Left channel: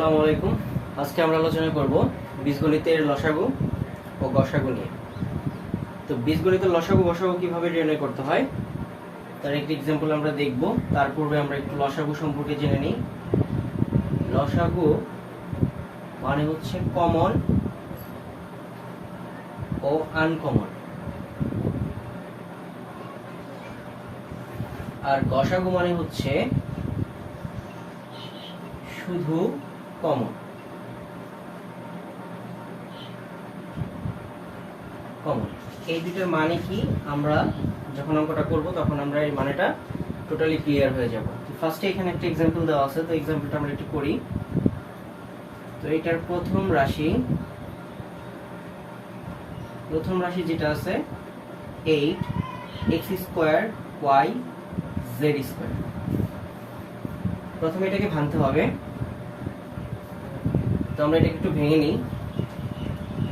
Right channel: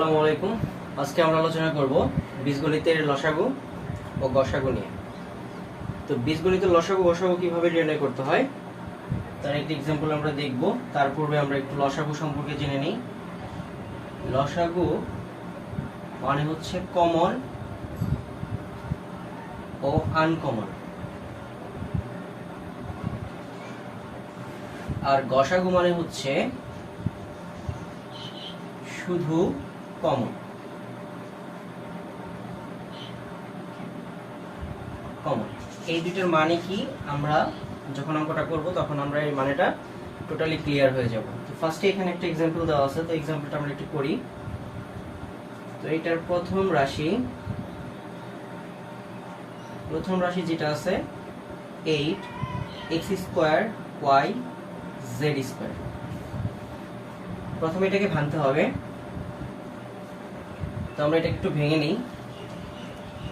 আসসালামু আলাইকুম। আজকে আমরা আলোচনা করব বীজগণিতের লসাগু ও গসাগু নিয়ে। তো বীজগণিতের লসাগু গসাগু কিভাবে নির্ণয় করতে হয় তার একটি एग्जांपल আমরা দেখব। তার পূর্বে আমরা একটু লসাগু সম্পর্কে জেনে নিই। লসাগু মানে হচ্ছে কমন ও আনকমন, আর গসাগু মানে হচ্ছে শুধু কমন। এই দুটোর মানে কি আমরা যখন অঙ্কটা করব তখন আমরা এই মানেটা টোটালি ক্লিয়ার হয়ে যাব। তো ফার্স্টে এখানে একটা एग्जांपल দেওয়া আছে, তো एग्जांपलটা আমরা একটু করি। তো এটার প্রথম রাশি যেটা আছে 8x² y z²। প্রথমে এটাকে ভাঙতে হবে, তো আমরা এটা একটু ভেঙে নিই।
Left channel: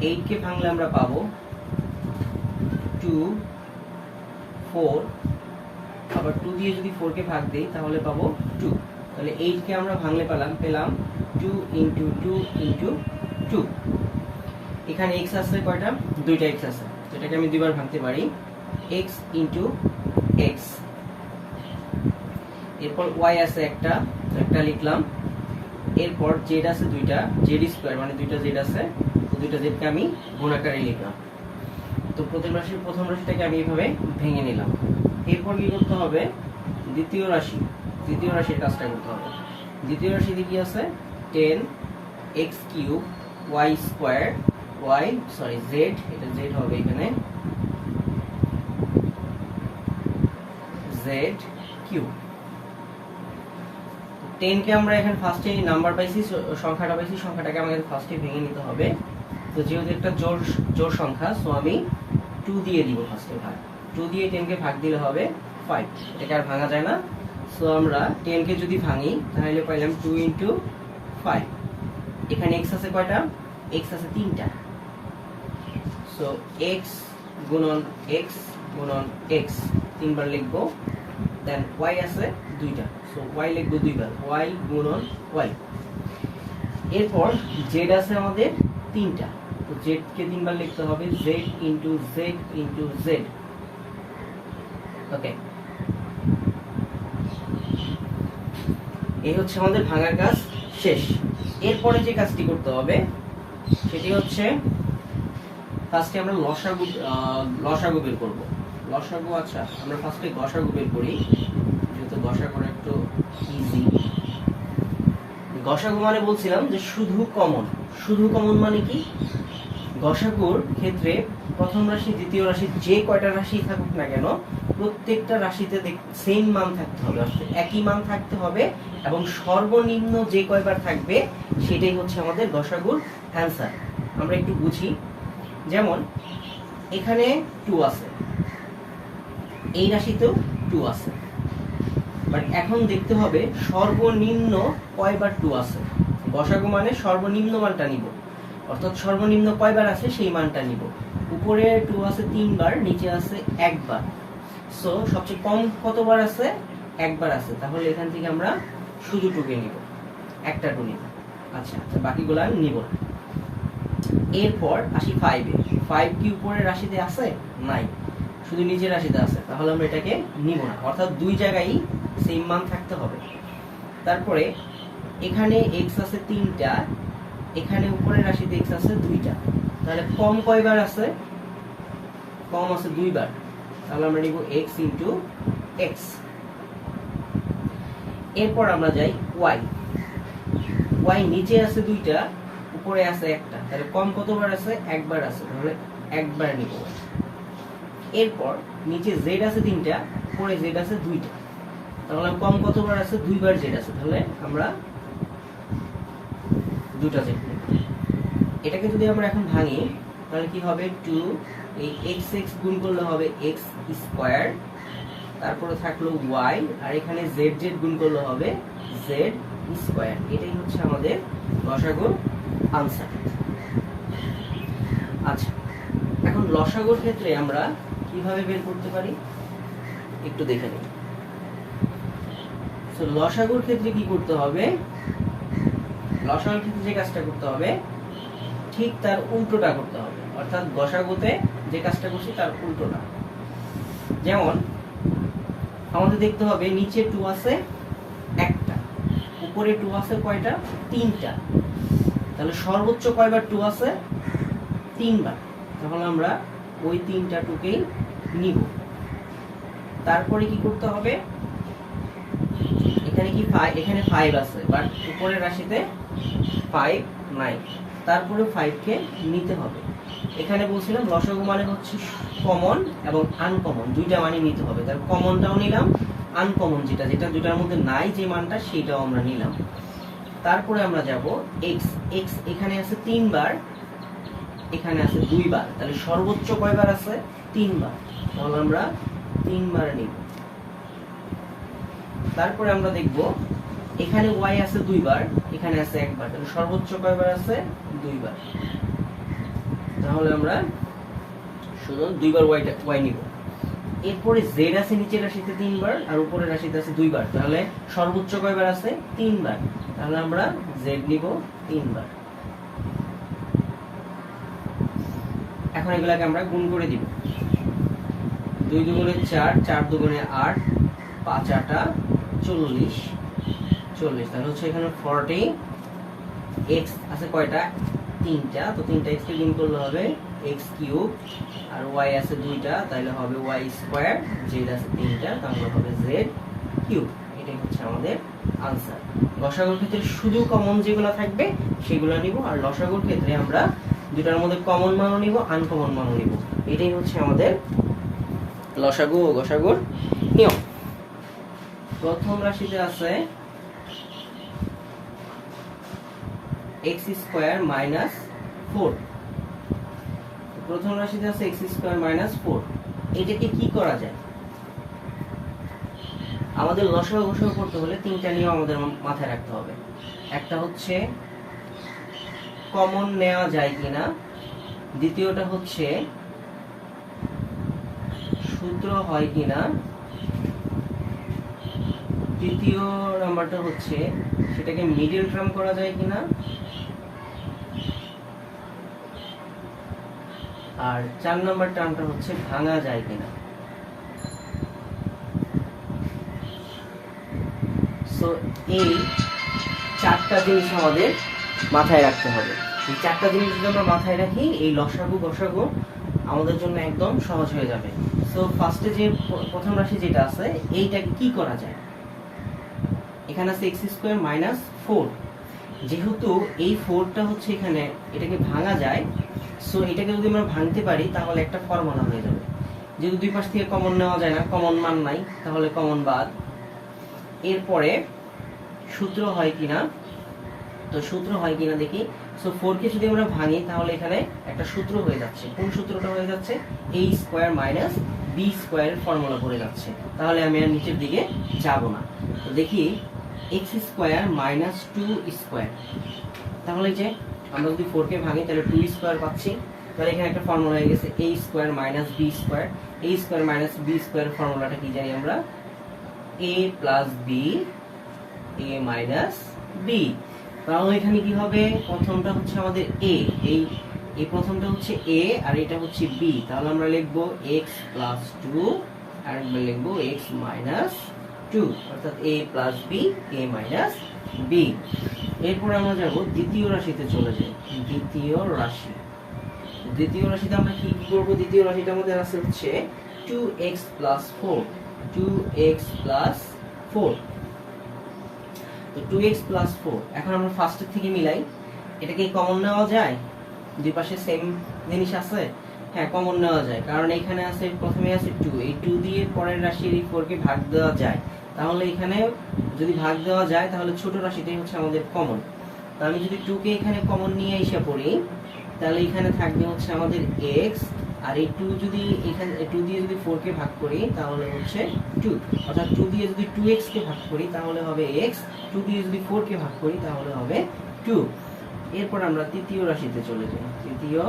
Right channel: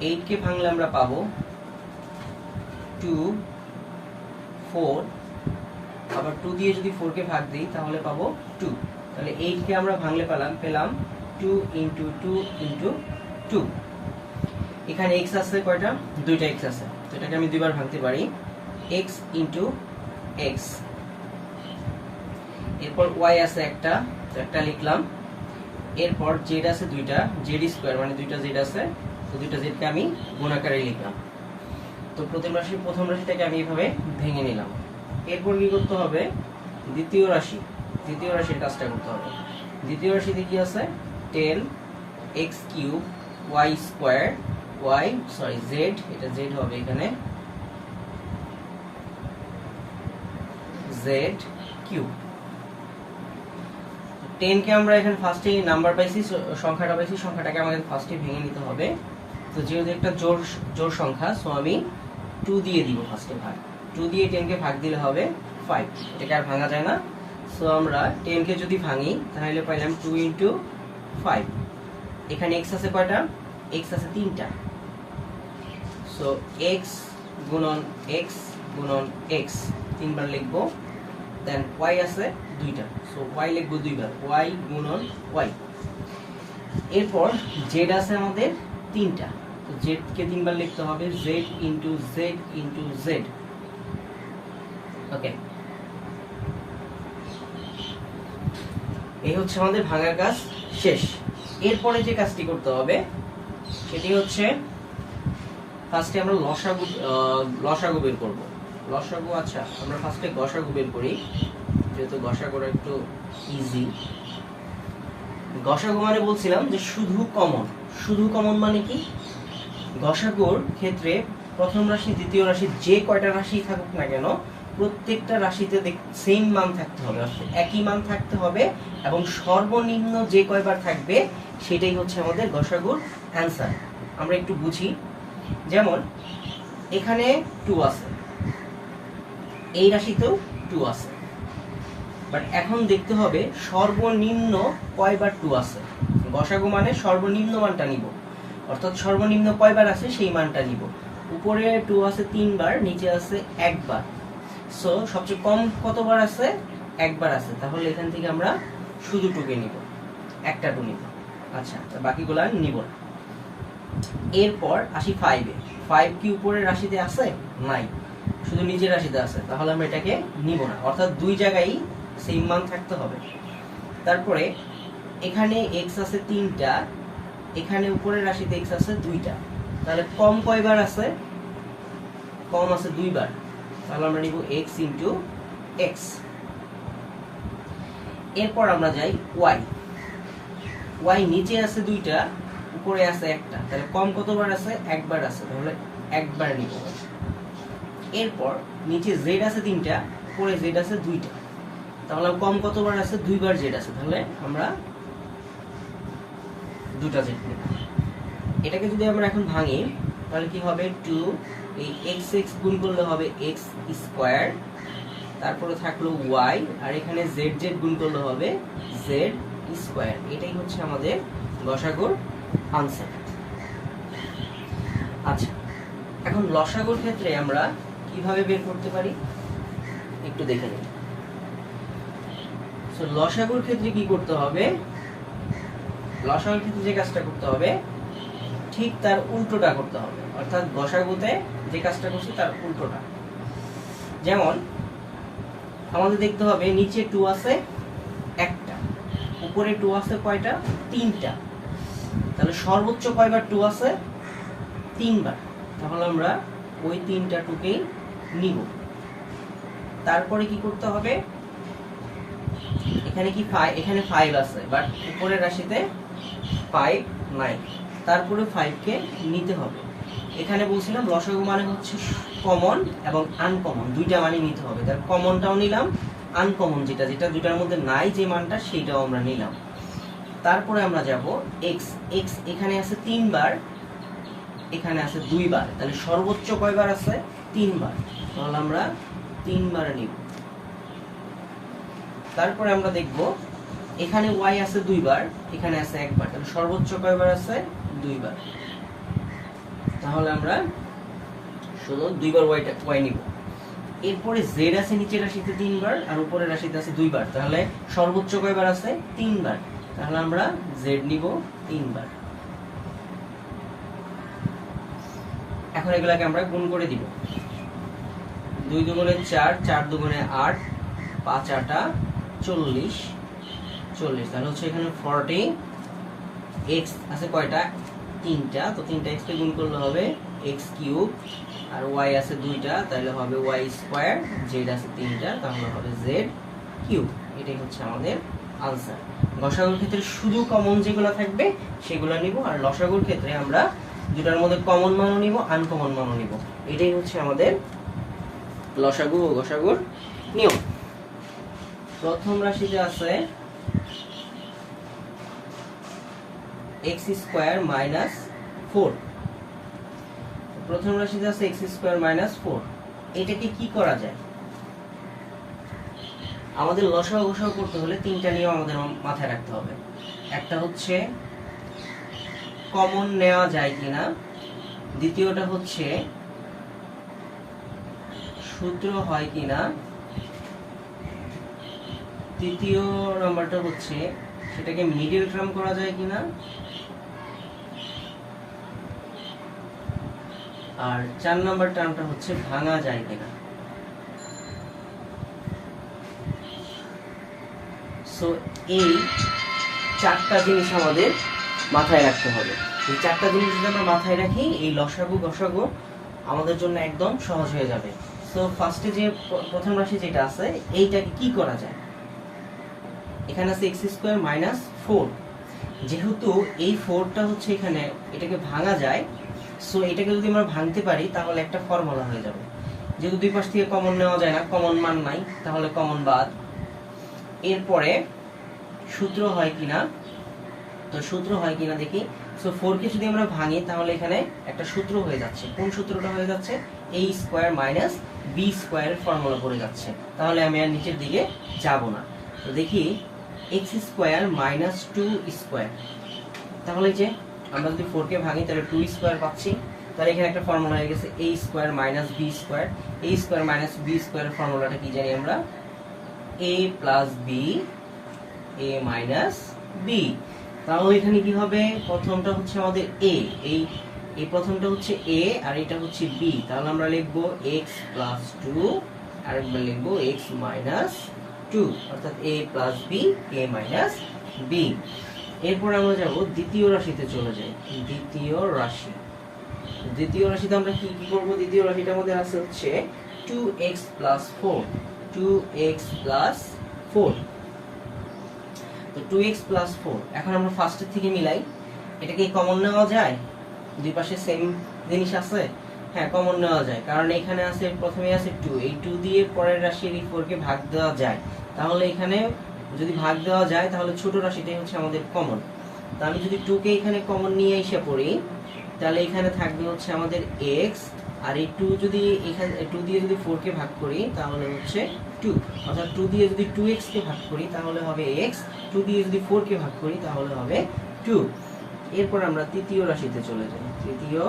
8 কে ভাঙলে আমরা পাবো 2 4, আবার 2 দিয়ে যদি 4 কে ভাগ দেই তাহলে পাবো 2। তাহলে 8 কে আমরা ভাঙলে পেলাম 2 * 2 * 2। এখানে x আছে কয়টা? দুইটা x আছে, তো এটাকে আমি দুইবার ভাঙতে পারি, x * x। এরপর y আছে একটা, তো একটা লিখলাম। এরপর z আছে দুইটা, z² মানে দুইটা z আছে, তো দুইটা z কে আমি গুণ আকারে লিখলাম। তো প্রথম রাশিটাকে আমি এইভাবে ভেঙে নিলাম। এরপর কি করতে হবে? দ্বিতীয় রাশির কাজটা করতে হবে। দ্বিতীয় রাশিতে কি আছে? 10x³ z, এটা z হবে এখানে, z³ 10 কে আমরা এখানে ফার্স্টে নাম্বার পাইছি, সংখ্যাটাকে আমাদের ফার্স্টে ভেঙে নিতে হবে। তো যেহেতু একটা জোড় সংখ্যা, সো আমি 2 দিয়ে দিব ফার্স্টে ভাগ। 2 দিয়ে 10 কে ভাগ দিলে হবে 5, এটাকে আর ভাঙা যায় না। সো আমরা 10 কে যদি ভাঙি তাহলে পাইলাম 2 * 5। এখানে x আছে কয়টা? x আছে 3টা, সো x গুণন x তিনবার লিখবো। দেন y আছে 2টা, সো y লিখবো দুইবার, y গুণন y। এরপর z আছে আমাদের 3টা, তো z কে তিনবার লিখতে হবে, z * z। ওকে, এই হচ্ছে আমাদের ভাঙার কাজ শেষ। এরপরে যে কাজটি করতে হবে সেটি হচ্ছে ফার্স্টে আমরা লসাগু বের করব। লসাগু, আচ্ছা আমরা ফার্স্টে গসাগু বের করি, যেহেতু গসাগুটা একটু ইজি। গসাগু মানে বলছিলাম যে শুধু কমন মানে কি? গসাগুর ক্ষেত্রে প্রথম রাশি দ্বিতীয় রাশি যে কয়টা রাশি থাকুক না কেন, প্রত্যেকটা রাশিতে সেম মান থাকতে হবে, একই মান থাকতে হবে, এবং সর্বনিম্ন যে কয়বার থাকবে সেটাই হচ্ছে আমাদের গসাগুর অ্যান্সার। আমরা একটু বুঝি। যেমন এখানে 2 আছে, এই রাশিতেও 2 আছে, বাট এখন দেখতে হবে সর্বনিম্ন কয়বার 2 আছে। গসাগু মানে সর্বনিম্ন মানটা নিব, অর্থাৎ সর্বনিম্ন কয়বার আছে সেই মানটা নিব। উপরে 2 আছে 3 বার, নিচে আছে 1 বার, সো সবচেয়ে কম কতবার আছে? 1 বার আছে। তাহলে এখান থেকে আমরা শুধু 2 কে নিব, একটা 2 নিব। আচ্ছা, তো বাকিগুলো আমি নিব না। এরপর আসি 5 এ। 5 কি উপরের রাশিতে আছে? নাই, শুধু নিচের রাশিতে আছে, তাহলে আমরা এটাকে নিব না, অর্থাৎ দুই জায়গায় সেম মান থাকতে হবে। তারপরে এখানে x আছে 3টা, এখানে উপরের রাশিতে x আছে 2টা, তাহলে কম কয়বার আছে? কম আছে 2 বার, তাহলে আমরা নিব x * x। এরপর আমরা যাই y নিচে আছে 2টা, উপরে আছে একটা, তাহলে কম কতবার আছে? 1 বার আছে, তাহলে 1 বার নিব। এরপর নিচে z আছে 3টা, উপরে z আছে 2টা, তাহলে কম কতবার আছে? 2 বার z আছে, তাহলে আমরা 2টা z নেব। এটাকে যদি আমরা এখন ভাঙি তাহলে কি হবে? 2, এই x গুণ করলে হবে x², তারপরে থাকলো y, আর এখানে z গুণ করলে হবে z²। এটাই হচ্ছে আমাদের লসাগুর আনসার। আচ্ছা, এখন লসাগুর ক্ষেত্রে আমরা কিভাবে বের করতে পারি একটু দেখে নিই। সো লসাগুর ক্ষেত্রে কি করতে হবে? লসাগুর ক্ষেত্রে যে কাজটা করতে হবে ঠিক তার উল্টোটা করতে হবে, অর্থাৎ গসাগুতে যে কাজটা করছি তার উল্টোটা। যেমন আমাদের দেখতে হবে নিচে 2 আছে একটা, উপরে 2 আছে কয়টা? 3টা। তাহলে সর্বোচ্চ কয়বার 2 আছে? 3 বার। তাহলে আমরা ওই 3টা 2কেই নিব। তারপরে কি করতে হবে, এখানে কি এখানে 5 আছে, বাট উপরের রাশিতে 5 নাই, তারপরে 5 কে নিতে হবে। এখানে বলছিলাম লসাগু মানে হচ্ছে কমন এবং আনকমন দুইটা মানে নিতে হবে। তার কমনটাও নিলাম, আনকমন যেটা যেটা দুটার মধ্যে নাই যে মানটা সেটাও আমরা নিলাম। তারপরে আমরা যাব x, x এখানে আছে 3 বার, এখানে আছে 2 বার, তাহলে সর্বোচ্চ কয়বার আছে? 3 বার। তাহলে আমরা 3 বার নিব। তারপরে আমরা দেখব এখানে y আছে 2 বার, এখানে আছে 1 বার, তাহলে সর্বোচ্চ কয়বার আছে? 2 বার। তাহলে আমরা শুধু 2 বার y নিব। এরপরে z আছে নিচের রাশিতে 3 বার আর উপরের রাশিতে আছে 2 বার, তাহলে সর্বোচ্চ কয়বার আছে? 3 বার। তাহলে আমরা z নিব 3 বার। এখন এগুলাকে আমরা গুণ করে দিব। 2 দুগুণে 4, 4 দুগুণে 8, 5 8 40, 40। তাহলে হচ্ছে এখানে 40, x আছে কয়টা? 3টা, তো 3টা x কে গুণ করলে হবে x কিউব, আর y আছে 2টা, তাহলে হবে y স্কয়ার, z আছে 3টা, তাহলে হবে z কিউব। এটাই হচ্ছে আমাদের আনসার। গসাগুর ক্ষেত্রে শুধু কমন যেগুলো থাকবে সেগুলো নিব, আর লসাগুর ক্ষেত্রে আমরা দুটার মধ্যে কমন মানও নিব, আনকমন মানও নিব। এটাই হচ্ছে আমাদের লসাগু ও গসাগুর নিয়ম। প্রথম রাশিতে আছে x স্কয়ার মাইনাস 4। প্রথম রাশিতে আছে x স্কয়ার মাইনাস 4। এটাকে কি করা যায়? আমাদের লসাগু গসাগু করতে হলে 3টা নিয়ম আমাদের মাথায় রাখতে হবে। একটা হচ্ছে কমন নেওয়া যায় কিনা, দ্বিতীয়টা হচ্ছে সূত্র হয় কিনা, তৃতীয় নাম্বারটা হচ্ছে সেটাকে মিডল টার্ম করা যায় কিনা, আর 4 নাম্বার টার্মটা হচ্ছে ভাঙা যায় কিনা। সো এই 4টা জিনিস আমাদের মাথায় রাখতে হবে। এই 4টা জিনিস যদি আমরা মাথায় রাখি, এই লসাগু গসাগু আমাদের জন্য একদম সহজ হয়ে যাবে। সো ফার্স্টে যে প্রথম রাশি যেটা আছে এইটাকে কি করা যায়? এখানে আছে x স্কয়ার মাইনাস 4। যেহেতু এই 4টা হচ্ছে এখানে, এটাকে ভাঙা যায়, সো এটাকে যদি আমরা ভাঙতে পারি তাহলে একটা ফর্মুলা হয়ে যাবে। যেহেতু দুই পাশ থেকে কমন নেওয়া যায় না, কমন মান নাই, তাহলে কমন বাদ। এরপরে সূত্র হয় কিনা, তো সূত্র হয় কিনা দেখি। সো 4 কে যদি আমরা ভাঙি তাহলে এখানে একটা সূত্র হয়ে যাচ্ছে। কোন সূত্রটা হয়ে যাচ্ছে? a স্কয়ার মাইনাস b স্কয়ারের ফর্মুলা পড়ে যাচ্ছে। তাহলে আমি আর নিচের দিকে যাব না। তো দেখি x স্কয়ার মাইনাস 2 স্কয়ার, তাহলে যে আমরা যদি 4 কে ভাঙি তাহলে 2 স্কয়ার পাচ্ছি। তাহলে এখানে একটা ফর্মুলা হয়ে গেছে a square minus b square. a square minus b স্কয়ারের ফর্মুলাটা কি জানি আমরা? a plus b, a minus b। তাহলে এখানে কি হবে? প্রথমটা হচ্ছে আমাদের a, এই প্রথমটা হচ্ছে a আর এটা হচ্ছে b। তাহলে আমরা লিখব x প্লাস 2, আর একবার লিখব x মাইনাস 2, অর্থাৎ a plus b, a minus b। এরপর আমরা যাব দ্বিতীয় রাশিতে চলে যাই। দ্বিতীয় রাশিতে আমরা কি কি করব? দ্বিতীয় রাশিটার মধ্যে আছে হচ্ছে 2x plus 4, 2x plus 4। 2x plus 4। এখন আমরা ফার্স্টের থেকে মিলাই, এটা কি কমন নেওয়া যায়? দুই পাশে সেম জিনিস আছে, হ্যাঁ কমন নেওয়া যায়, কারণ এখানে আছে প্রথমে আছে 2, এই 2 দিয়ে পরের রাশির এই 4 কে ভাগ দেওয়া যায়। তাহলে এখানে যদি ভাগ দেওয়া যায় তাহলে ছোট রাশিটাই হচ্ছে আমাদের কমন। তো আমি যদি 2 কে এখানে কমন নিয়ে এসে পড়ি, তাহলে এখানে থাকবে হচ্ছে আমাদের x, আর এই 2 যদি এখানে 2 দিয়ে যদি 4 কে ভাগ করি তাহলে হচ্ছে 2, অর্থাৎ 2 দিয়ে যদি 2x কে ভাগ করি তাহলে হবে x, 2 দিয়ে যদি 4 কে ভাগ করি তাহলে হবে 2। এরপর আমরা তৃতীয় রাশিতে চলে যাই। তৃতীয়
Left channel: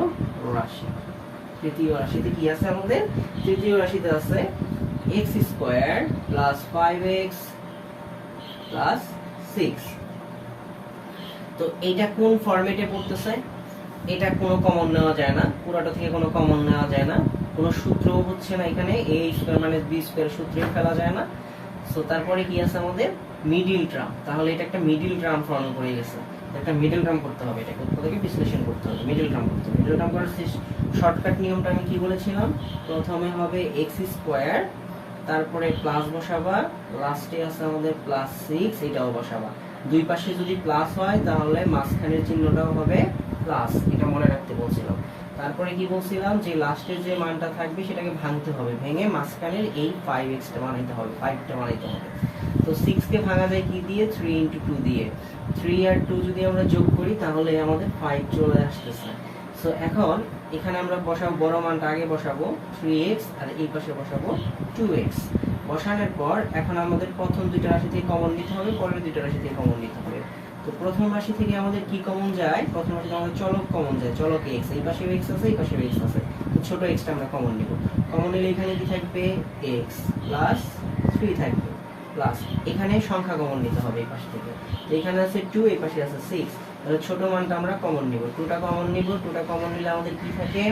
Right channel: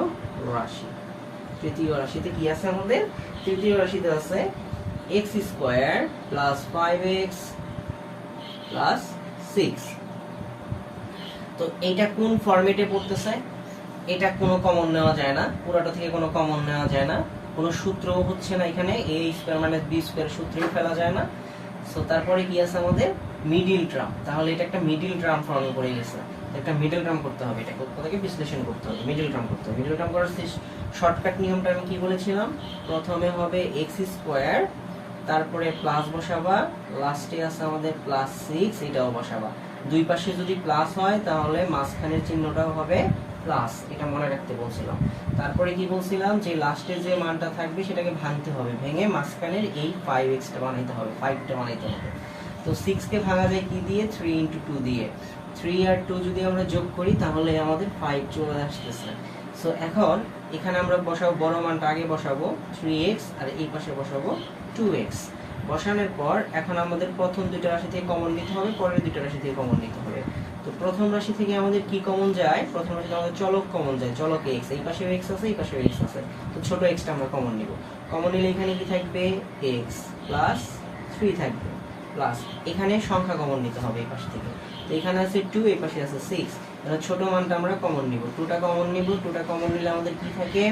রাশিতে কি আছে আমাদের? তৃতীয় রাশিতে আছে x square plus 5x plus 6। তো এটা কোন ফরম্যাটে পড়তেছে, এটা কোনো কমন নেওয়া যায় না, পুরোটা থেকে কোনো কমন নেওয়া যায় না, কোনো সূত্র হচ্ছে না এখানে, a square minus b square সূত্রই ফেলা যায় না। সো তারপরে কি আছে আমাদের মিডল টার্ম, তাহলে এটা একটা মিডল টার্ম ফর্ম করে গেছে, একটা মিডল টার্ম করতে হবে, এটা কোথাকে বিশ্লেষণ করতে হবে, মিডল টার্ম করতে হবে। মিডল টার্ম করার শর্টকাট নিয়মটা আমি কি বলেছিলাম, প্রথমে হবে x স্কয়ার, তারপরে প্লাস বসাবা, লাস্টে আছে আমাদের প্লাস 6, এটাও বসাবা। দুই পাশে যদি প্লাস হয় তাহলে মাঝখানের চিহ্নটাও হবে প্লাস, এটা মনে রাখতে বলছিলাম। তারপরে কি বলছিলাম যে লাস্টে যে মানটা থাকবে সেটাকে ভাঙতে হবে, ভেঙে মাঝখানের এই 5x টা বানাইতে হবে, 5 টা বানাইতে হবে। তো 6 কে ভাঙা যায় কি দিয়ে, 3 * 2 দিয়ে। 3 আর 2 যদি আমরা যোগ করি তাহলে আমাদের 5 চলে আসতেছে। সো এখন এখানে আমরা বসাবো, বড় মানটা আগে বসাবো 3x, আর এই পাশে বসাবো 2x। বসানোর পর এখন আমাদের প্রথম দুইটা রাশি থেকে কমন নিতে হবে, পরের দুইটা রাশি থেকে কমন নিতে হবে। তো প্রথম রাশি থেকে আমাদের কি কমন যায়, প্রথম রাশি থেকে আমাদের চলক কমন যায়, চলক x, এই পাশে x আছে, এই পাশে x আছে, তো ছোট x টা আমরা কমন নিব। কমন নিলে এখানে কি থাকবে, x প্লাস 3 থাকবে, প্লাস এখানে সংখ্যা কমন নিতে হবে এই পাশ থেকে, তো এখানে আছে 2, এই পাশে আছে 6, তাহলে ছোট মানটা আমরা কমন নিব, 2 টা কমন নিব। 2 টা কমন নিলে আমাদের কি থাকে,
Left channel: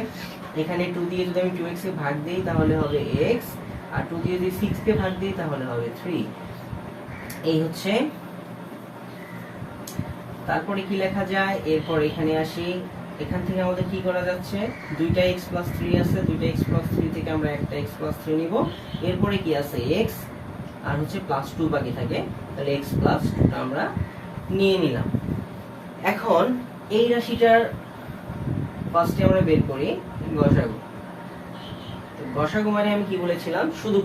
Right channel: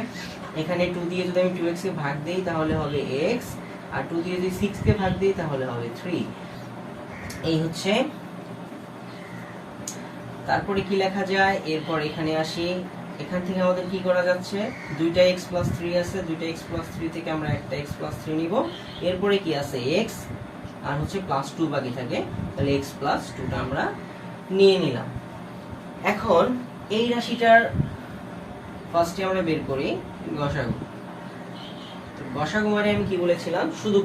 এখানে 2 দিয়ে যদি আমি 2x কে ভাগ দেই তাহলে হবে x, আর 2 দিয়ে যদি 6 কে ভাগ দেই তাহলে হবে 3। এই হচ্ছে, তারপরে কি লেখা যায়, এরপর এখানে আসি, এখান থেকে আমাদের কি করা যাচ্ছে, দুইটা x + 3 আছে, দুইটা x + 3 থেকে আমরা একটা x + 3 নিব। এরপরে কি আছে x আর হচ্ছে +2 বাকি থাকে, তাহলে x + 2 টা আমরা নিয়ে নিলাম। এখন এই রাশিটার ফার্স্টে আমরা বের করি গসাগু। গসাগু মানে আমি কি বলেছিলাম, শুধু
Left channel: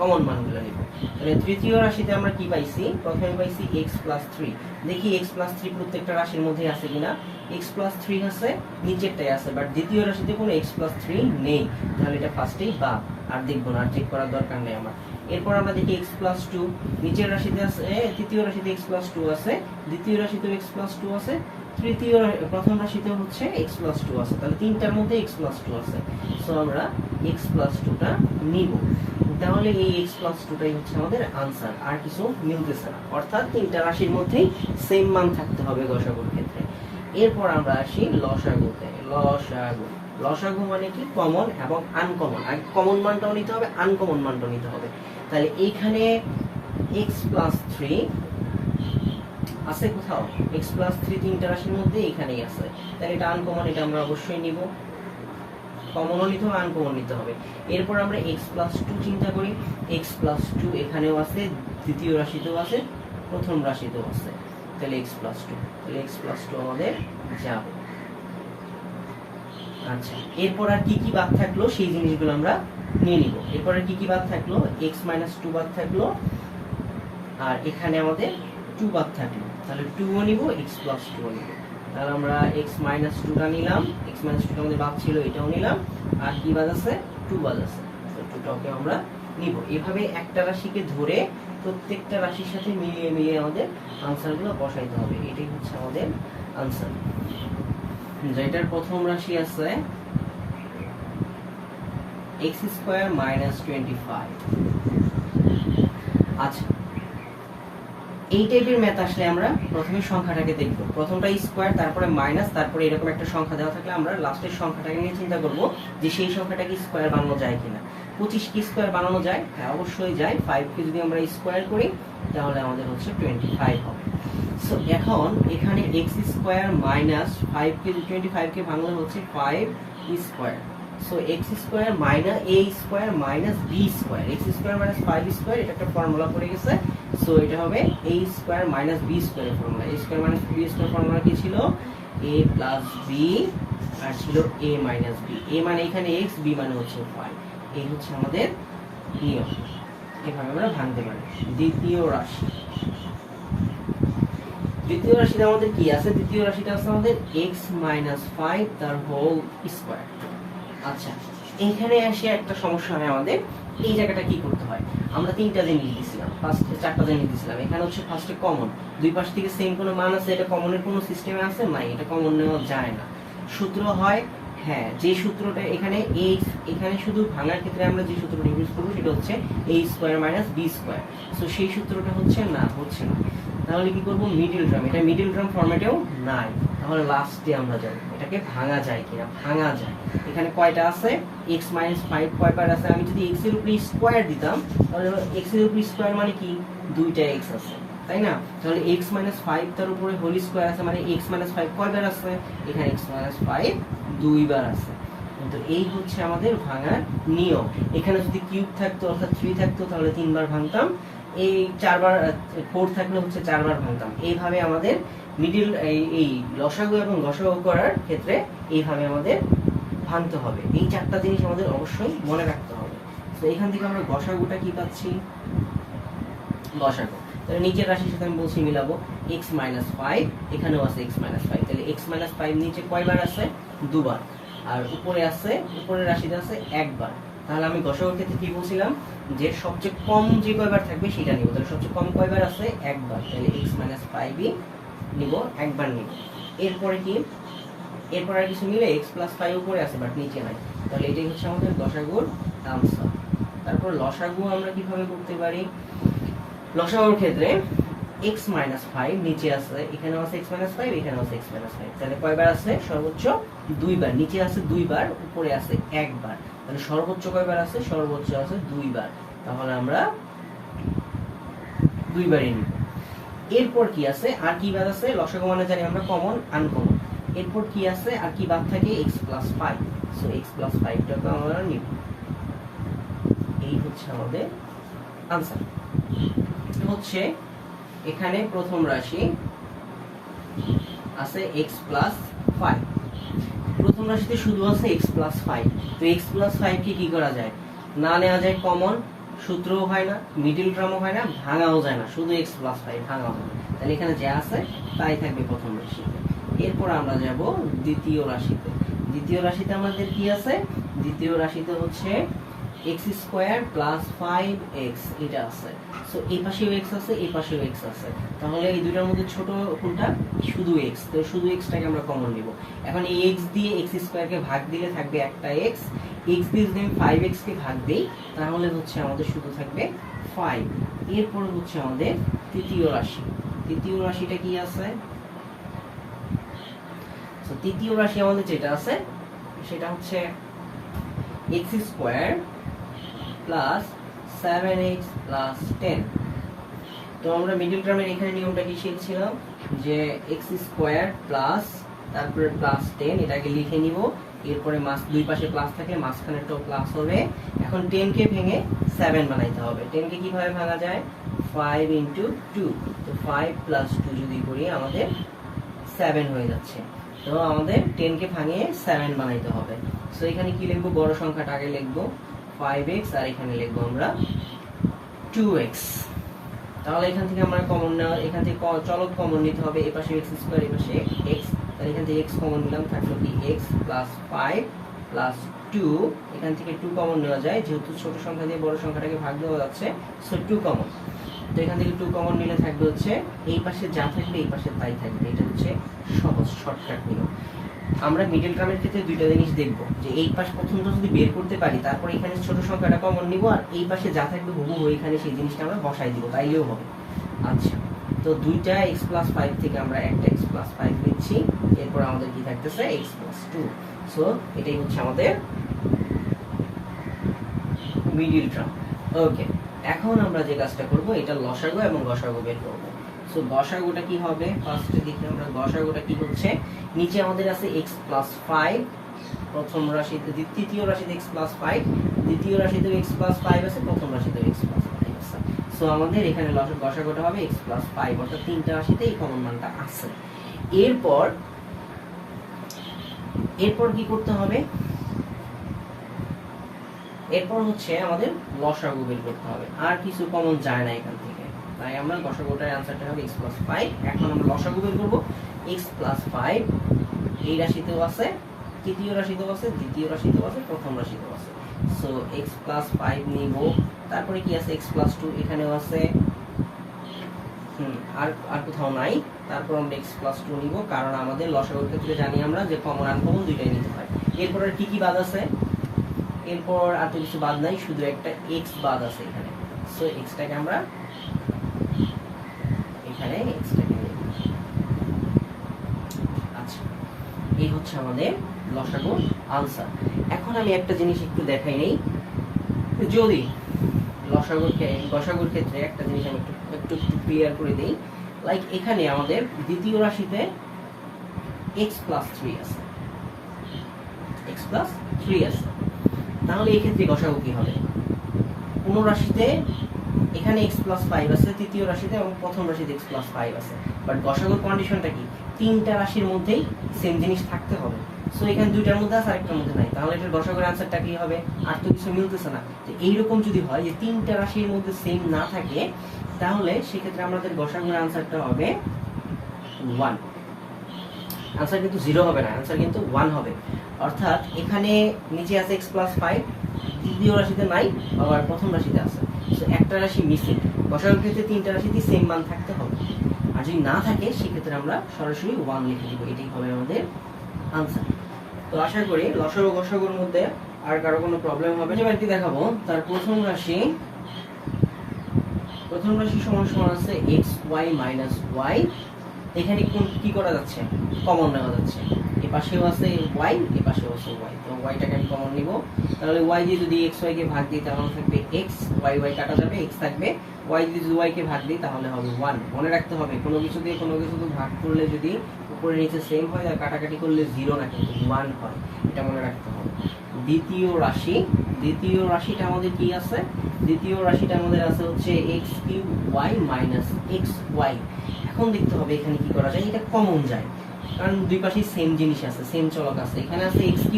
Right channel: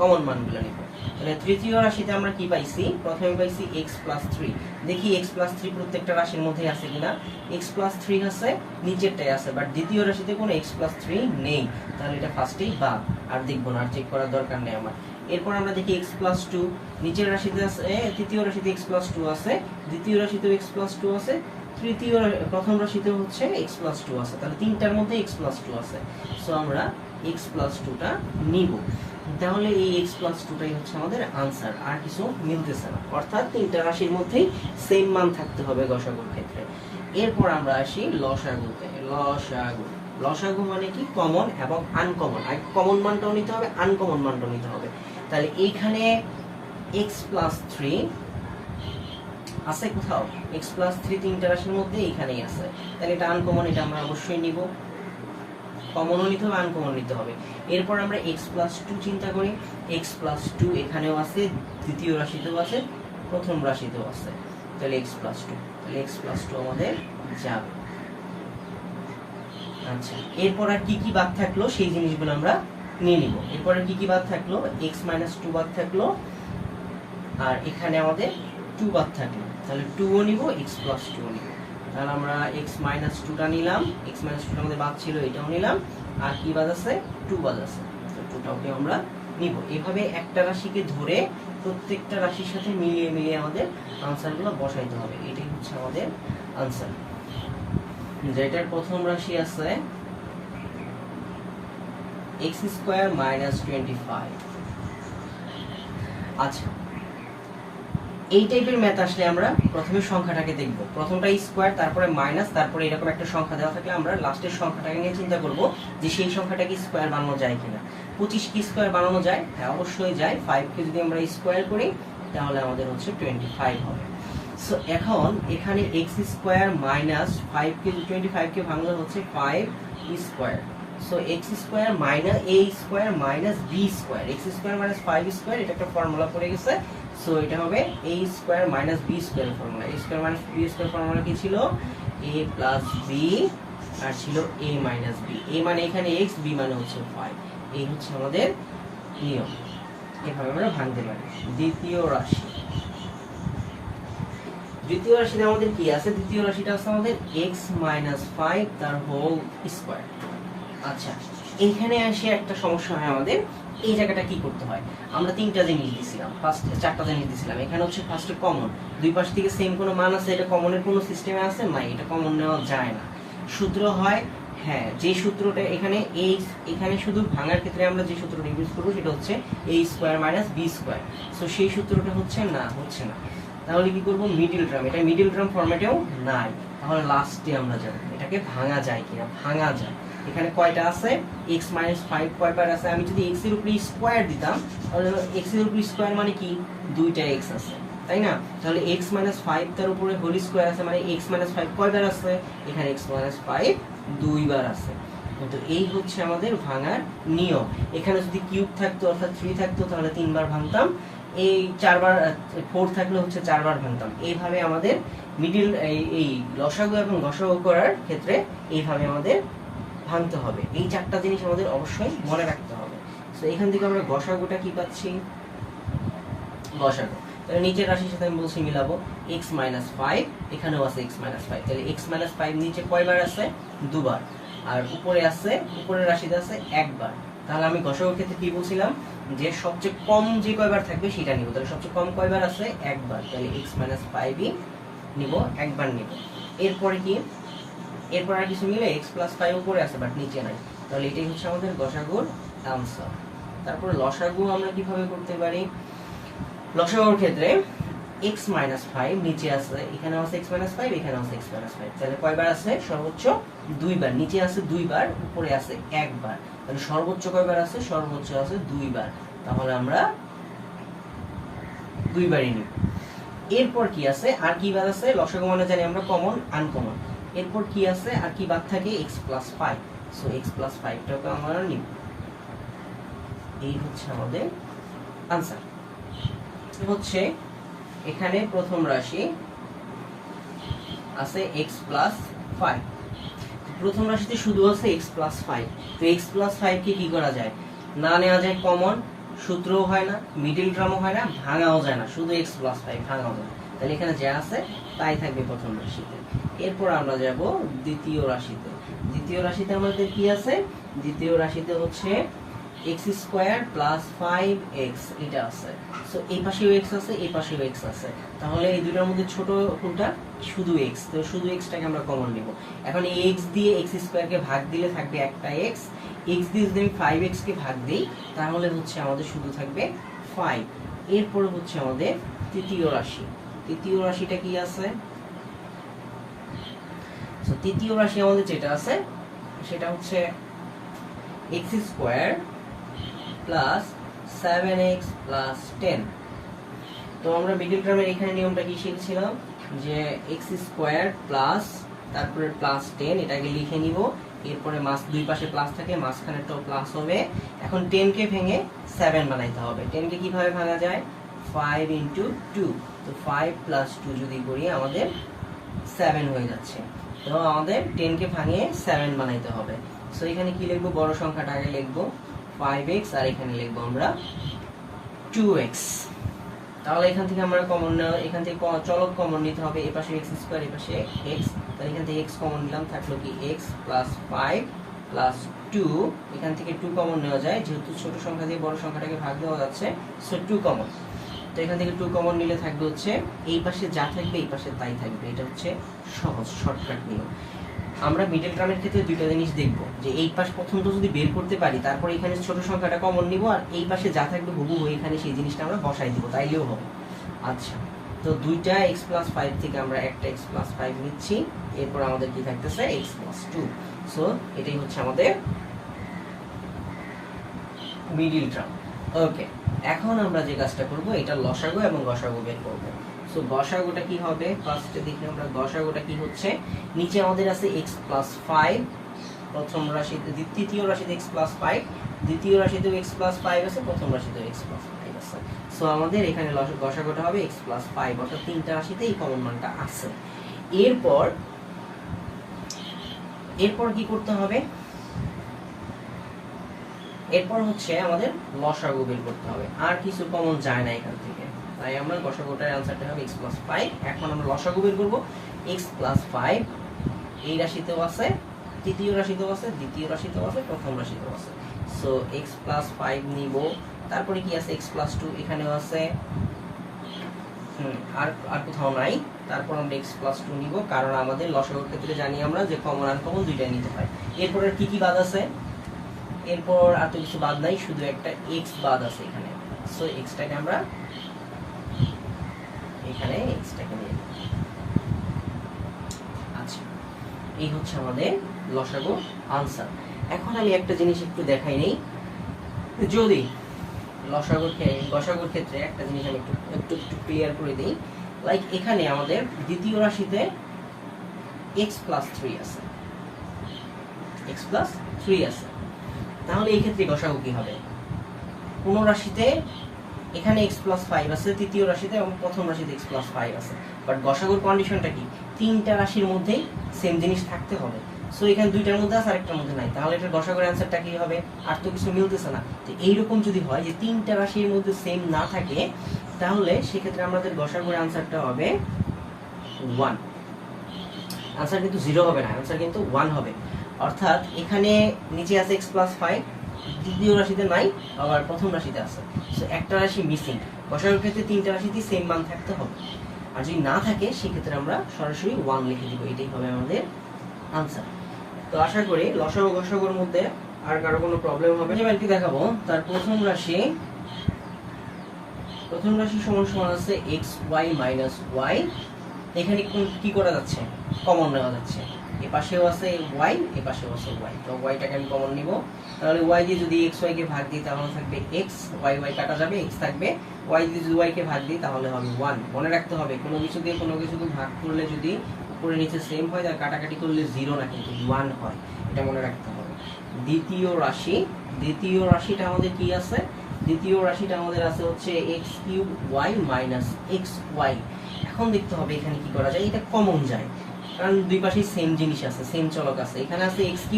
কমন মানগুলো নিব। তাহলে তৃতীয় রাশিতে আমরা কি পাইছি, প্রথমে পাইছি x + 3। দেখি x + 3 প্রত্যেকটা রাশির মধ্যে আছে কিনা, x + 3 আছে, নিচেরটাই আছে, বাট দ্বিতীয় রাশিতে কোনো x + 3 নেই, তাহলে এটা ফার্স্টেই বাদ, আর দেখবো না, আর চেক করার দরকার নেই আমার। এরপর আমরা দেখি x + 2, নিচের রাশিতে আছে, তৃতীয় রাশিতে x + 2 আছে, দ্বিতীয় রাশিতেও x + 2 আছে, প্রথম রাশিতেও হচ্ছে x + 2 আছে, তাহলে তিনটার মধ্যে x + 2 আছে। সো আমরা x + 2 টা নিব। তাহলে এই x + 2 টাই হচ্ছে আমাদের আনসার, আর কিছু মিলতেছে না, অর্থাৎ তিনটা রাশির মধ্যেই সেম মান থাকতে হবে গসাগুর ক্ষেত্রে। এরপর আমরা আসি লসাগুতে। লসাগু মানে কি, কমন এবং আনকমন, আর কমন মানটাও নিতে হবে, আনকমন মানটাও নিতে হবে। তাহলে এইখানে x + 3 আছে কোথাও, x + 3 তিনটা রাশির মধ্যে এখানেই আছে, তাহলে এটা আনকমন, এটা আমরা অবশ্যই নিব, কমনও নিতে হবে, আনকমন নিতে হবে। এরপর আমরা x + 2 চিন্তা করি, x + 2 এখানেও আছে, দ্বিতীয় রাশিতেও আছে, প্রথম রাশিতেও আছে, তাহলে x + 2, তাহলে x + 2 আমাদের যাবে। আচ্ছা, এরপর আর কি কি বাদ থাকলো সেই জিনিসগুলো আমরা নিয়ে নিব। এরপর কি কি বাদ থাকলো, x - 2 বাদ থাকলো, আর এখানে আমাদের 2 বাদ থাকলো, তাহলে 2 ও নিব, x + 2 ও নিব। তাহলে আমরা x - 2 টা নিলাম, x - 2 টা আমাদের বাদ ছিল, এটাও নিলাম, আর কি বাদ আছে, 2 বাদ আছে, তো 2 টাকে আমরা নিব। এভাবে একটা রাশিকে ধরে প্রত্যেকটা রাশির সাথে মিলিয়ে মিলিয়ে আমাদের আনসারগুলো বসাইতে হবে, এটাই হচ্ছে আমাদের আনসার। যেটার প্রথম রাশি আছে x² - 25। আচ্ছা, এই টাইপের ম্যাথ আসলে আমরা প্রথমে সংখ্যাটাকে দেখব, প্রথমটা স্কয়ার, তারপরে মাইনাস, তারপরে এরকম একটা সংখ্যা দেওয়া থাকলে আমরা লাস্টের সংখ্যাটাকে নিয়ে চিন্তা করব যে সেই সংখ্যাটা কি স্কয়ার বানানো যায় কিনা। 25 কি স্কয়ার বানানো যায়, হ্যাঁ অবশ্যই যায়। 5 কে যদি আমরা স্কয়ার করি তাহলে আমাদের হচ্ছে 25 হবে। সো এখন এখানে x² - 5 কে 25 কে ভাঙলে হচ্ছে 5 square. So x² - a² - b square, x² - 5 square, এটা একটা ফর্মুলা পড়ে গেছে। সো এটা হবে a² - b square formula. a² - b square formula কি ছিল, a + b আর ছিল a - b। a মানে এখানে x, b মানে হচ্ছে 5। এই হচ্ছে আমাদের নিয়ম, এভাবে আমরা ভাঙতে পারি। দ্বিতীয় রাশিতে আমাদের কি আছে, দ্বিতীয় রাশিটা আছে আমাদের x - 5 তার হোল স্কয়ার। আচ্ছা, এখানে এসে একটা সমস্যা হয় আমাদের, এই জায়গাটা কি করতে হয়, আমরা তিনটা জিনিস দিছিলাম, ফার্স্টে চারটা জিনিস দিছিলাম। এখানে হচ্ছে ফার্স্টে কমন, দুই পাশ থেকে সেম কোনো মান আছে, এটা কমনের কোনো সিস্টেমে আছে নাই, এটা কমন নেওয়া যায় না। সূত্র হয়, হ্যাঁ যে সূত্রটা এখানে শুধু ভাঙার ক্ষেত্রে আমরা যে সূত্রটা ইউজ করব সেটা হচ্ছে a² - b²। সো সেই সূত্রটা হচ্ছে না। তাহলে কি করব, মিডল টার্ম, এটা মিডল টার্ম ফরম্যাটেও নাই, তাহলে লাস্টে আমরা যাব এটাকে ভাঙা যায় কিনা, ভাঙা যায়। এখানে কয়টা আছে, x - 5 কয়বার আছে, আমি যদি x এর উপরে স্কয়ার দিতাম তাহলে x এর উপরে স্কয়ার মানে কি, দুইটা x আছে, তাই না? তাহলে x - 5 তার উপরে হোল স্কয়ার আছে, মানে x - 5 কয়বার আছে, এখানে x - 5 দুইবার আছে। কিন্তু এই হচ্ছে আমাদের ভাঙার নিয়ম। এখানে যদি কিউব থাকতো অর্থাৎ 3 থাকতো তাহলে 3 বার ভাঙতাম, এই 4 বার 4 থাকলে হচ্ছে 4 বার ভাঙতাম। এইভাবে আমাদের মিডল এই লসাগু এবং গসাগু করার ক্ষেত্রে এইভাবে আমাদের ভাঙতে হবে। এই চারটা জিনিস আমাদের অবশ্যই মনে রাখতে হবে। তো এখান থেকে আমরা গসাগুটা কি পাচ্ছি, গসাগু, তাহলে নিচের রাশির সাথে আমি বলছি মিলাবো, x - 5 এখানেও আছে x - 5, তাহলে x - 5 নিচে কয়বার আছে, দুবার, আর উপরে আছে, উপরের রাশিতে আছে একবার। তাহলে আমি গসাগুর ক্ষেত্রে কি বলছিলাম, যে সবচেয়ে কম যে কয়বার থাকবে সেটা নিব, তাহলে সবচেয়ে কম কয়বার আছে, একবার, তাহলে x - 5ই নিব, একবার নিব। এরপরে কি, এরপর আর কিছু মিলে x + 5 উপরে আছে বাট নিচে নাই, তাহলে এটাই হচ্ছে আমাদের গসাগুর আনসার। তারপর লসাগু আমরা কিভাবে করতে পারি, লসাগুর ক্ষেত্রে x - 5 নিচে আছে, এখানে আছে x - 5, এখানে আছে x - 5, তাহলে কয়বার আছে, সর্বোচ্চ দুইবার, নিচে আছে দুইবার, উপরে আছে একবার, তাহলে সর্বোচ্চ কয়বার আছে, সর্বোচ্চ আছে দুইবার, তাহলে আমরা দুইবারই নিব। এরপর কি আছে, আর কি বাদ আছে, লসাগু মানে জানি আমরা কমন, আনকমন। এরপর কি আছে, আর কি বাদ থাকে, x + 5, সো x + 5 টাকে আমরা নিব। এই হচ্ছে আমাদের আনসার। হচ্ছে এখানে প্রথম রাশি আছে x + 5, প্রথম রাশিতে শুধু আছে x + 5, তো x + 5 কে কি করা যায়, না নেওয়া যায় কমন, সূত্রও হয় না, মিডল টার্মও হয় না, ভাঙাও যায় না, শুধু x + 5 ভাঙাও যায়, তাহলে এখানে যা আছে তাই থাকবে প্রথম রাশিতে। এরপর আমরা যাব দ্বিতীয় রাশিতে। দ্বিতীয় রাশিতে আমাদের কি আছে, দ্বিতীয় রাশিতে হচ্ছে x² + 5x এটা আছে, সো এই পাশেও x আছে, এই পাশেও x আছে, তাহলে এই দুটোর মধ্যে ছোট কোনটা, শুধু x, তো শুধু x টাকে আমরা কমন নিব। এখন এই x দিয়ে x² কে ভাগ দিলে থাকবে একটা x, x দিয়ে যদি আমি 5x কে ভাগ দেই তাহলে হচ্ছে আমাদের শুধু থাকবে 5। এরপর হচ্ছে আমাদের তৃতীয় রাশি, তৃতীয় রাশিটা কি আছে, তো তৃতীয় রাশি আমাদের যেটা আছে সেটা হচ্ছে x² + 7x + 10। তো আমরা মিডল টার্মের এখানে নিয়মটা কি শিখছিলাম, যে x² প্লাস তারপরে +10 এটাকে লিখে নিব, এরপরে দুই পাশে প্লাস থাকলে মাঝখানেরটাও প্লাস হবে। এখন 10 কে ভেঙে 7 বানাইতে হবে। 10 কে কিভাবে ভাঙা যায়, 5 × 2, তো 5 + 2 যদি করি আমাদের 7 হয়ে যাচ্ছে। তো আমাদের 10 কে ভাঙিয়ে 7 বানাইতে হবে। সো এখানে কি লিখবো, বড় সংখ্যাটা আগে লিখবো 5x, আর এখানে লিখবো আমরা 2x। তাহলে এখান থেকে আমরা কমন নেওয়া, এখান থেকে চলক কমন নিতে হবে, এই পাশে x², এই পাশে x, তাহলে এখান থেকে x কমন নিলাম, থাকলো কি x + 5 + 2, এখান থেকে 2 কমন নেওয়া যায়, যেহেতু ছোট সংখ্যা দিয়ে বড় সংখ্যাটাকে ভাগ দেওয়া যাচ্ছে, সো 2 কমন। তো এখান থেকে 2 কমন নিলে থাকবে হচ্ছে এই পাশে যা থাকবে এই পাশে তাই থাকবে, এটা হচ্ছে সহজ শর্টকাট নিয়ম। আমরা মিডল টার্মের ক্ষেত্রে দুইটা জিনিস দেখব, যে এই পাশ প্রথমটা যদি বের করতে পারি তারপর এখানে ছোট সংখ্যাটা কমন নিব, আর এই পাশে যা থাকবে হুবহু এখানে সেই জিনিসটা আমরা বসাই দিব, তাইলেও হবে। আচ্ছা, তো দুইটা x + 5 থেকে আমরা একটা x + 5 নিচ্ছি, এরপর আমাদের কি থাকতেছে x + 2। সো এটাই হচ্ছে আমাদের মিডল টার্ম। ওকে, এখন আমরা যে কাজটা করব, এটা লসাগু এবং গসাগু বের করব। সো গসাগুটা কি হবে, ফার্স্টে দেখি আমরা গসাগুটা কি হচ্ছে, নিচে আমাদের আছে x + 5, প্রথম রাশিতে, তৃতীয় রাশিতে x + 5, দ্বিতীয় রাশিতেও x + 5 আছে, প্রথম রাশিতেও x + 5 আছে। সো আমাদের এখানে গসাগুটা হবে x + 5, অর্থাৎ তিনটা রাশিতে এই কমন মানটা আছে। এরপর কি করতে হবে, এরপর হচ্ছে আমাদের লসাগু বের করতে হবে, আর কিছু কমন যায় না এখান থেকে, তাই আমরা গসাগুটার आंसरটা হবে x + 5। এখন আমরা লসাগু বের করব, x + 5 এই রাশিতেও আছে, তৃতীয় রাশিতেও আছে, দ্বিতীয় রাশিতেও আছে, প্রথম রাশিতেও আছে। সো x + 5 নিব, তারপরে কি আছে x + 2 এখানেও আছে, আর কোথাও নাই, তারপর আমরা x + 2 নিব, কারণ আমাদের লসাগুর ক্ষেত্রে জানি আমরা যে কমন আর কমন দুইটাই নিতে হয়। এরপর আর কি বাদ আছে, এরপর আর তো কিছু বাদ নাই, শুধু একটা x বাদ আছে এখানে। সো x টাকে আমরা এখানে x এই হচ্ছে আমাদের লসাগু আনসার। এখন আমি একটা জিনিস একটু দেখাই নেই, যদি গসাগুর ক্ষেত্রে একটা জিনিস আমি একটু ক্লিয়ার করে দিই। লাইক এখানে আমাদের দ্বিতীয় রাশিতে x প্লাস 3 আছে, তাহলে এই ক্ষেত্রে গসাগু কি হবে? কোন রাশিতে এখানে x প্লাস 5 আছে তৃতীয় রাশিতে, এবং প্রথম রাশিতে x প্লাস 5 আছে, বাট গসাগুর কন্ডিশনটা কি? তিনটা রাশির মধ্যেই সেম জিনিস থাকতে হবে। সো এখানে দুইটার মধ্যে আছে, আরেকটার মধ্যে নাই, তাহলে এটার গসাগুর অ্যানসারটা কি হবে? আর তো কিছু মিলতেছে না। তো এইরকম যদি হয় যে তিনটা রাশির মধ্যে সেম না থাকে, তাহলে সেক্ষেত্রে আমাদের গসাগুর অ্যানসারটা হবে 1। আনসার কিন্তু 0 হবে না, আনসার কিন্তু 1 হবে। অর্থাৎ এখানে নিচে আছে x প্লাস 5, দ্বিতীয় রাশিতে নাই, আবার প্রথম রাশিতে আছে, সো একটা রাশি মিসিং। গসাগুর ক্ষেত্রে তিনটা রাশিতেই সেম মান থাকতে হবে, আর যদি না থাকে সেক্ষেত্রে আমরা সরাসরি 1 লিখে দিব, এটাই হবে আমাদের আনসার। তো আশা করি লসাগু গসাগুর মধ্যে আর কারো কোনো প্রবলেম হবে না। এবার কি দেখাবো, তার প্রথম রাশি সমান সমান আছে xy মাইনাস y। এখানে কি করা যাচ্ছে? কমন নেওয়া যাচ্ছে। এই পাশেও আছে y, এই পাশেও আছে y, তো yটাকে আমি কমন নিব। তাহলে y দিয়ে যদি xy কে ভাগ দিই তাহলে থাকবে x, y কাটা যাবে, x থাকবে। y দিয়ে যদি y কে ভাগ দিই তাহলে হবে 1। মনে রাখতে হবে কোনো কিছু দিয়ে কোনো কিছু ভাগ করলে যদি উপরে নিচে সেম হয়, তার কাটাকাটি করলে 0 না কিন্তু 1 হয়, এটা মনে রাখতে হবে। দ্বিতীয় রাশিটা আমাদের কি আছে? দ্বিতীয় রাশিটা আমাদের আছে হচ্ছে x³ মাইনাস xy। এখন দেখতে হবে এখানে কি করা যায়, এটা কমন যায়, কারণ দুই পাশেই সেম জিনিস আছে, সেম চলক আছে। এখানে আছে x3,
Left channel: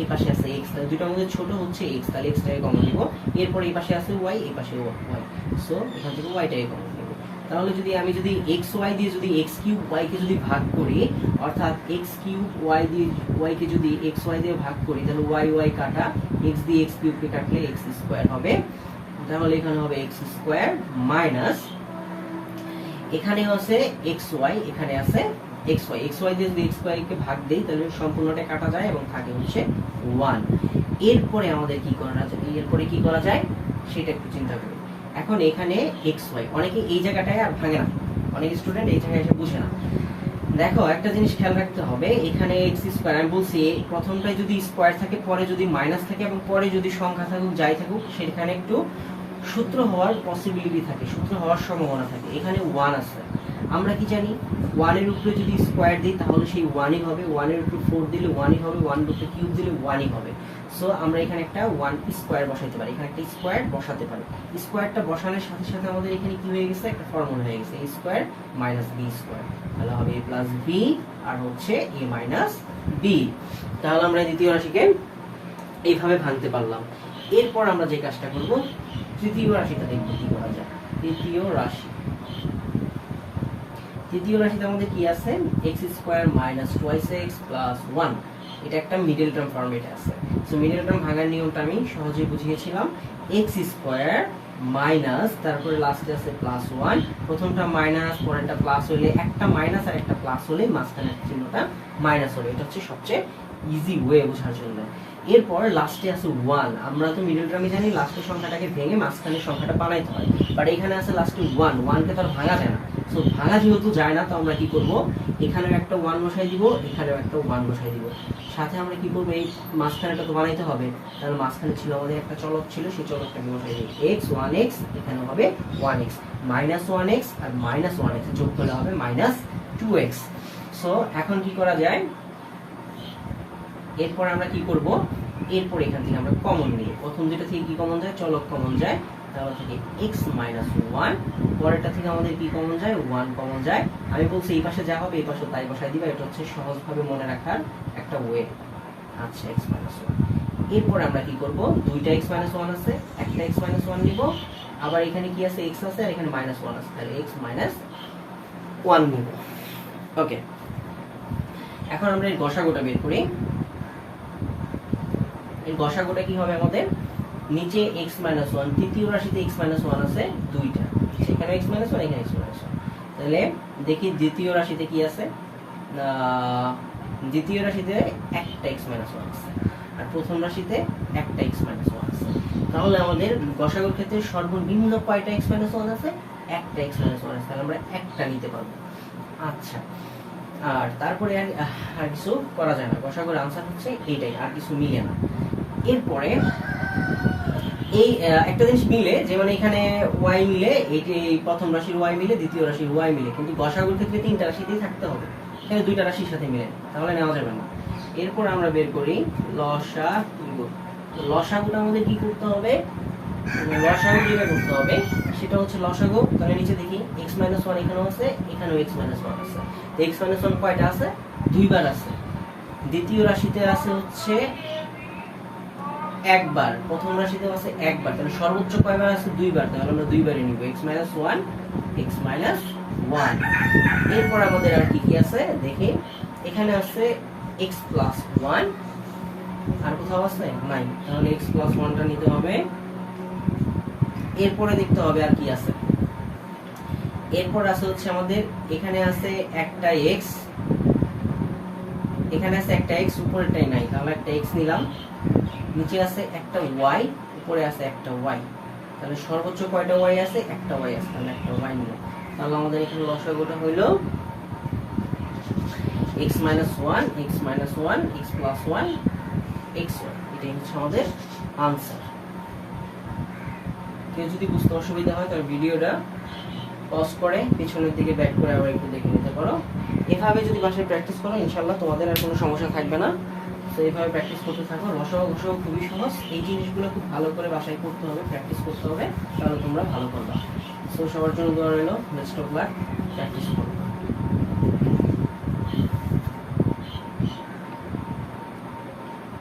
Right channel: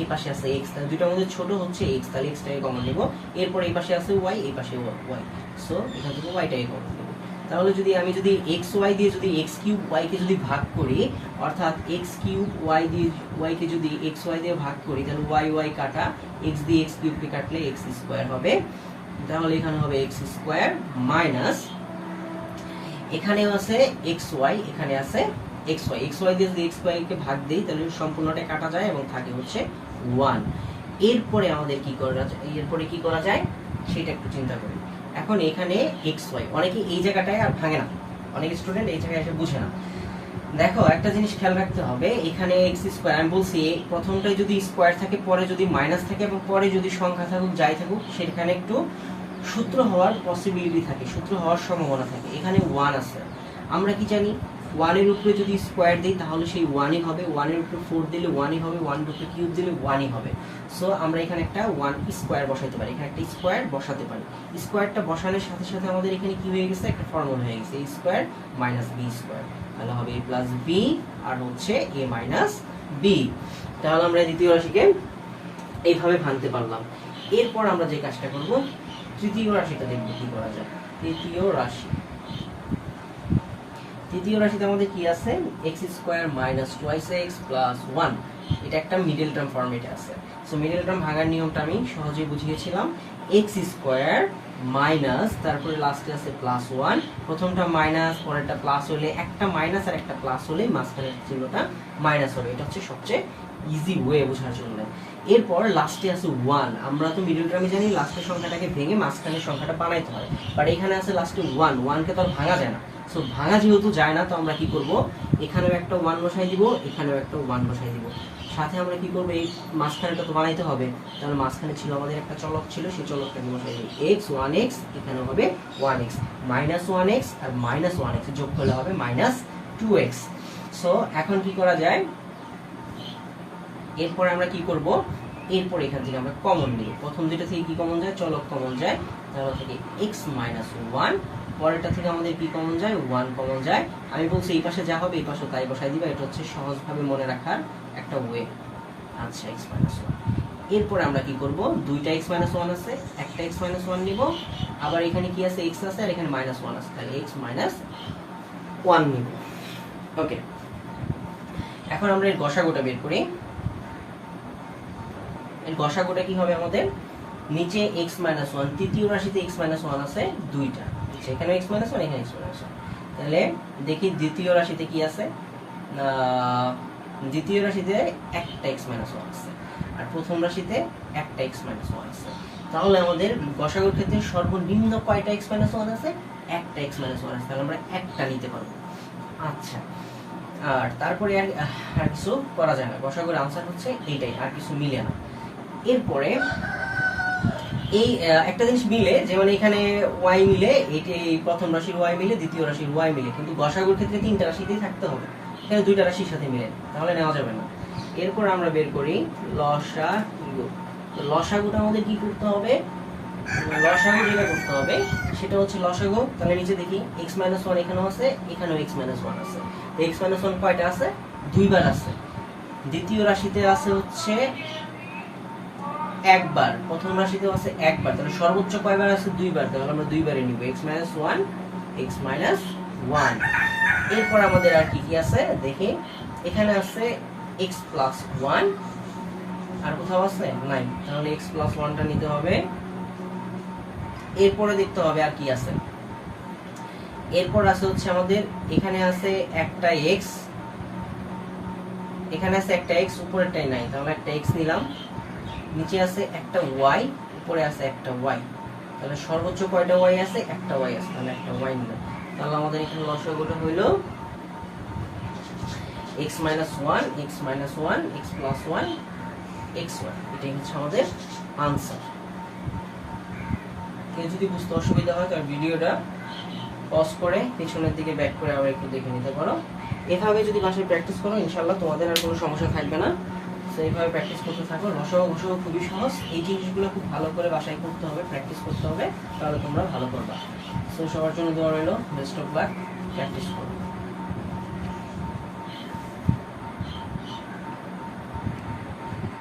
এই পাশে আছে x, তাহলে দুটোর মধ্যে ছোট হচ্ছে x, তাহলে xটাকে কমন নিব। এরপর এই পাশে আছে y, এই পাশে y, সো এখান থেকে yটাকে কমন নিব। তাহলে আমি যদি xy দিয়ে যদি x³ কে যদি ভাগ করি, অর্থাৎ x³ দিয়ে y কে যদি xy দিয়ে ভাগ করি, তাহলে y কাটা, x দিয়ে x³ কে কাটলে x² হবে। তাহলে এখানে হবে x² মাইনাস, এখানেও আছে xy, এখানে আছে xy দিয়ে যদি xy কে ভাগ দেই তাহলে সম্পূর্ণটা কাটা যায় এবং থাকে হচ্ছে 1। এরপরে আমাদের কি করা যায় সেটা একটু চিন্তা করি। এখন এখানে xy, অনেকে এই জায়গাটায় আর ভাঙে না, অনেক স্টুডেন্ট এই জায়গায় এসে বুঝে না। দেখো একটা জিনিস খেয়াল রাখতে হবে, এখানে x², আমি বলছি প্রথমটায় যদি স্কয়ার থাকে, পরে যদি মাইনাস থাকে, এবং পরে যদি সংখ্যা থাকুক যাই থাকুক, সেখানে একটু সূত্র হওয়ার পসিবিলিটি থাকে, সূত্র হওয়ার সম্ভাবনা থাকে। এখানে 1 আছে, আমরা কি জানি 1 এর উপরে যদি স্কয়ার দিই তাহলে সেই 1ই হবে, 1 এর উপরে 4 দিলে 1ই হবে, 1 এর উপরে কিউব দিলে 1ই হবে। সো আমরা এখানে একটা 1 স্কয়ার বসাতে পারি, এখানে একটা স্কয়ার বসাতে পারি। স্কয়ারটা বসানোর সাথে সাথে আমাদের এখানে কি হয়ে গেছে, একটা ফর্মুলা হয়ে গেছে, a square minus b square, তাহলে হবে a প্লাস b আর হচ্ছে a মাইনাস b। তাহলে আমরা দ্বিতীয় রাশিকে এইভাবে ভাঙতে পারলাম। এরপর আমরা যে কাজটা করব, তৃতীয় রাশিটা দেখব কি করা যায়। তৃতীয় রাশিতে আমাদের কি আছে, x² মাইনাস 2x প্লাস 1, এটা একটা মিডল টার্ম ফরম্যাটে আছে। সো মিডল টার্ম ভাঙার নিয়মটা আমি সহজেই বুঝিয়েছিলাম। x² মাইনাস, তারপরে লাস্টে আছে প্লাস 1, প্রথমটা মাইনাস পরেরটা প্লাস হলে, একটা মাইনাস আর একটা প্লাস হলে মাঝখানের চিহ্নটা মাইনাস হবে, এটা হচ্ছে সবচেয়ে ইজি ওয়ে বোঝার জন্য। এরপর লাস্টে আছে 1, আমরা তো মিডল টার্মে জানি লাস্টের সংখ্যাটাকে ভেঙে মাঝখানের সংখ্যাটা বানাইতে হয়, বাট এখানে আছে লাস্টে 1 কে তার ভাঙা যায় না। সো ভাঙা যেহেতু যায় না, তো আমরা কি করব, এখানেও একটা 1 বসাই দিব, এখানেও একটা 1 বসাই দিব। সাথে আমরা কি করব, এই মাঝখানেটা তো বানাইতে হবে, তাহলে মাঝখানে ছিল আমাদের একটা চলক ছিল, সেই চলকটাকে বসাই দিই x 1x, এখানেও হবে 1x, মাইনাস 1x আর মাইনাস 1x যোগ করলে হবে মাইনাস 2x। সো এখন কি করা যায়, এরপর আমরা কি করব, এরপর এখান থেকে আমরা কমন নিব। প্রথম দুটো থেকে কি কমন যায়, চলক কমন যায়, তাহলে থেকে x মাইনাস 1, পরেরটা থেকে আমাদের কি কমন যায়, 1 কমন যায়। আমি বলছি এই পাশে যা হবে এই পাশে তাই বসাই দিবা, এটা হচ্ছে সহজভাবে মনে রাখার একটা ওয়ে। আচ্ছা, x মাইনাস 1। এরপর আমরা কি করব, দুইটা x মাইনাস 1 আছে, একটা x মাইনাস 1 নিব, আবার এখানে কি আছে, x আছে আর এখানে মাইনাস 1 আছে, তাহলে x মাইনাস 1 নিব। ওকে, এখন আমরা এর গসাগুটা বের করি। এর গসাগুটা কি হবে আমাদের, নিচে x মাইনাস 1, তৃতীয় রাশিতে x মাইনাস 1 আছে দুইটা, সেখানে x মাইনাস 1, এখানে x মাইনাস 1। তাহলে দেখি দ্বিতীয় রাশিতে কি আছে, দ্বিতীয় রাশিতে একটা x মাইনাস 1 আছে, আর প্রথম রাশিতে একটা x মাইনাস 1 আছে। তাহলে আমাদের গসাগুর ক্ষেত্রে সর্বনিম্ন কয়টা x মাইনাস 1 আছে, একটা x মাইনাস 1 আছে, তাহলে আমরা একটা নিতে পারবো। আচ্ছা, আর তারপরে আর কিছু করা যায় না, গসাগুর আনসার হচ্ছে এইটাই, আর কিছু মিলে না। এরপরে এই একটা জিনিস মিলে, যেমন এখানে ওয়াই মিলে, এই প্রথম রাশির ওয়াই মিলে, দ্বিতীয় রাশির ওয়াই মিলে, কিন্তু গসাগুর ক্ষেত্রে তিনটা রাশিতেই থাকতে হবে, এখানে দুইটা রাশির সাথে মিলে, তাহলে নেওয়া যাবে না। এরপর আমরা বের করি লসাগু। লসাগুটা আমাদের কি করতে হবে, লসাগু যেটা করতে হবে সেটা হচ্ছে লসাগু, তাহলে নিচে দেখি x-1 এখানেও আছে, এখানেও x-1 আছে। x-1 কয়টা আছে, দুইবার আছে। দ্বিতীয় রাশিতে আছে হচ্ছে একবার, প্রথম রাশিতে আছে একবার, তাহলে সর্বোচ্চ কয়বার আছে, দুইবার, তাহলে আমরা দুইবারই নিব x-1 x-1। এরপর আমাদের আর কি কি আছে দেখি, এখানে আছে x+1, আর কোথাও আছে নাই, তাহলে x+1টা নিতে হবে। এরপরে দেখতে হবে আর কি আছে, এরপর আছে হচ্ছে আমাদের এখানে আছে একটা x, এখানে আছে একটা x, উপরেরটাই নাই, তাহলে একটা x নিলাম। নিচে আছে একটা y, উপরে আছে একটা y, তাহলে সর্বোচ্চ কয়টা y আছে, একটা y আছে, তাহলে একটা y নিলাম। তাহলে আমাদের এখানে লসাগুটা হইল x-1 x-1 x+1 x1, এটাই হচ্ছে আমাদের আনসার। কেউ যদি বুঝতে অসুবিধা হয় তাহলে ভিডিওটা পজ করে পিছনের দিকে ব্যাক করে আবার একটু দেখে নিতে পারো। এভাবে যদি বাসায় প্র্যাকটিস করো ইনশাআল্লাহ তোমাদের আর কোনো সমস্যা থাকবে না। তো এইভাবে প্র্যাকটিস করতে থাকো, লসাগু ঘসাগু খুবই সহজ, এই জিনিসগুলো খুব ভালো করে বাসায় করতে হবে, প্র্যাকটিস করতে হবে, তাহলে তোমরা ভালো করবা। তো সবার জন্য দোয়া রইল, বেস্ট অফ লাক, প্র্যাকটিস করো।